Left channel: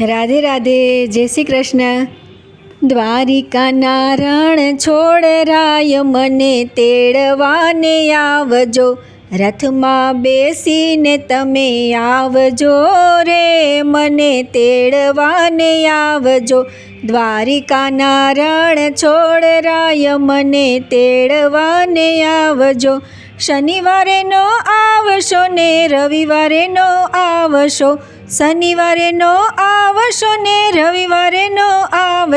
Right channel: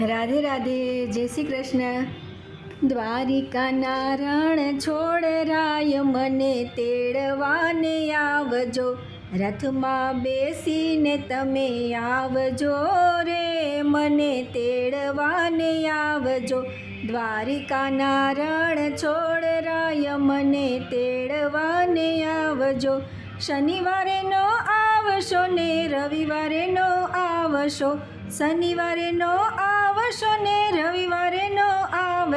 રાધે રાધે, જય શ્રી કૃષ્ણ. દ્વારિકાના રણ છોડ રાય, મને તેડવાને આવજો. રથમાં બેસીને તમે આવજો રે, મને તેડવાને આવજો. દ્વારિકાના રણ છોડ રાય, મને તેડવાને આવજો. શનિવારે નો આવશો ને રવિવારે નો આવશો. શનિવારે નો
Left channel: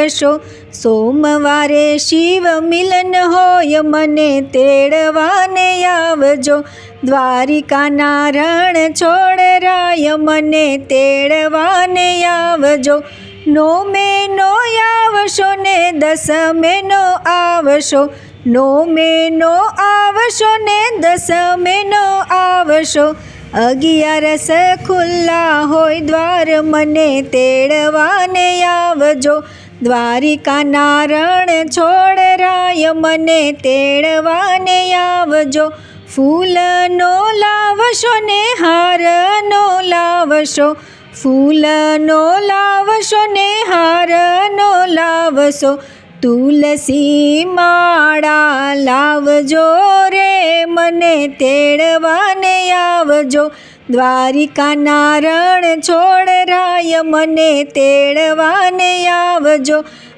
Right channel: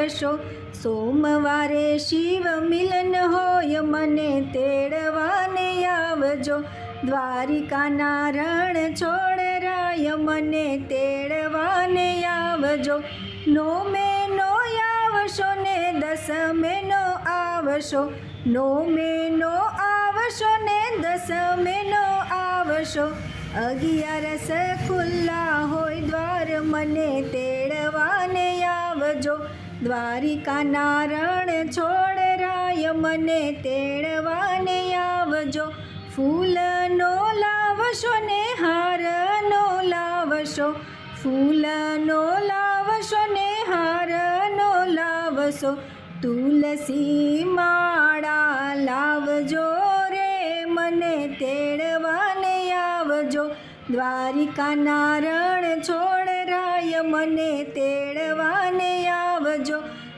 આવશો સોમવારે શિવ મિલન હોય મને તેડવાને આવજો. દ્વારિકાના રણ છોડ રાય મને તેડવાને આવજો. નો આવશો ને દસમે નો આવશો. નો નો આવશો ને દસમે નો આવશો. અગિયારસ ખુલ્લા હોય દ્વાર મને તેડવાને આવજો. દ્વારિકાના રણ છોડ રાય મને તેડવાને આવજો. ફૂલનો લાવશો ને હારનો લાવશો. ફૂલનો લાવશો ને હારનો લાવશો. તુલસી માળા લાવજો રે મને તેડવાને આવજો. દ્વારિકાના રણ છોડ રાય મને તેડવાને આવજો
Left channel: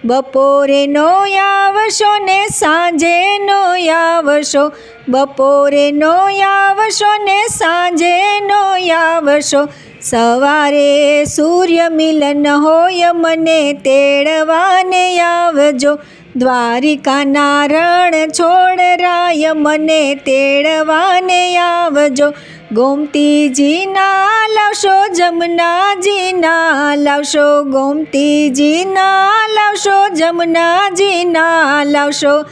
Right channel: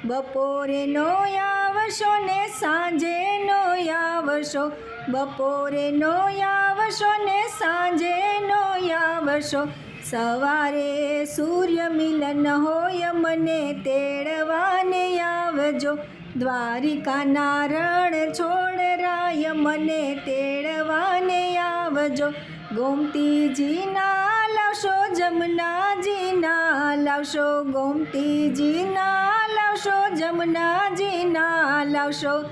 બપોરે નો આવશો ને સાંજે નો આવશો. બપોરે નો આવશો ને સાંજે નો આવશો. સવારે સૂર્ય મિલન હોય મને તેડવાને આવજો. દ્વારિકાના રણ છોડ રાય મને તેડવાને આવજો. ગોમતીજીના લાવશો જમનાજીના લાવશો ગોમતીજીના લાવશો જમનાજીના લાવશો.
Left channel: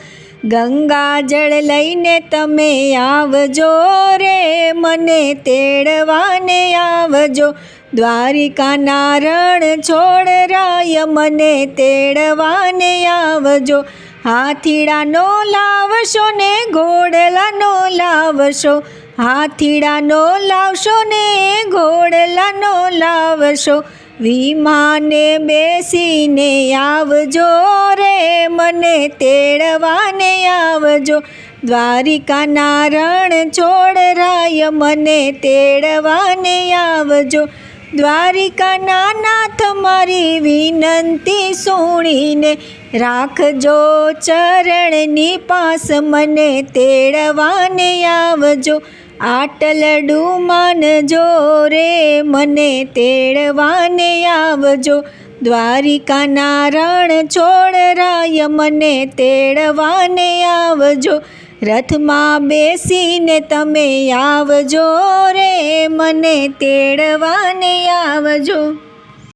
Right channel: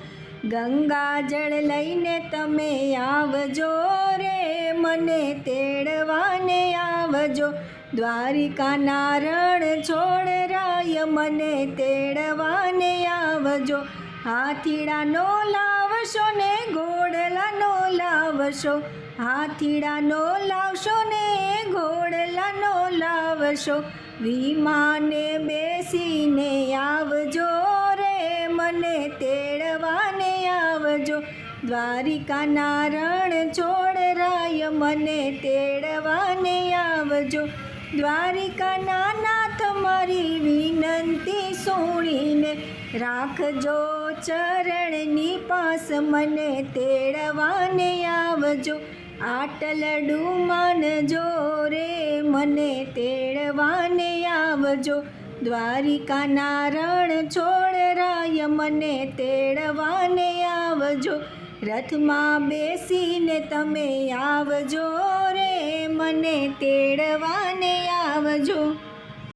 ગંગા જળ લઈને તમે આવજો રે, મને તેડવાને આવજો. દ્વારિકાના રણ છોડ રાય, મને તેડવાને આવજો. હાથીડાનો લાવશો ને ઘોડલાનો લાવશો. હાથીડાનો લાવશો ને, ઘોડલાનો લાવશો, વિમાને બેસીને આવજો રે, મને તેડવાને આવજો. દ્વારિકાના રણ છોડ રાય મને તેડવાને આવજો. દ્વારિકાના નાથ, મારી વિનંતી સુણીને રાખજો ચરણની પાસ, મને તેડવાને આવજો. આટલડું માનજો રે, મને તેડવાને આવજો. દ્વારિકાના રણ છોડ રાય, મને તેડવાને આવજો. રથમાં બેસીને તમે આવજો રે, મને તેડવાને આવજો.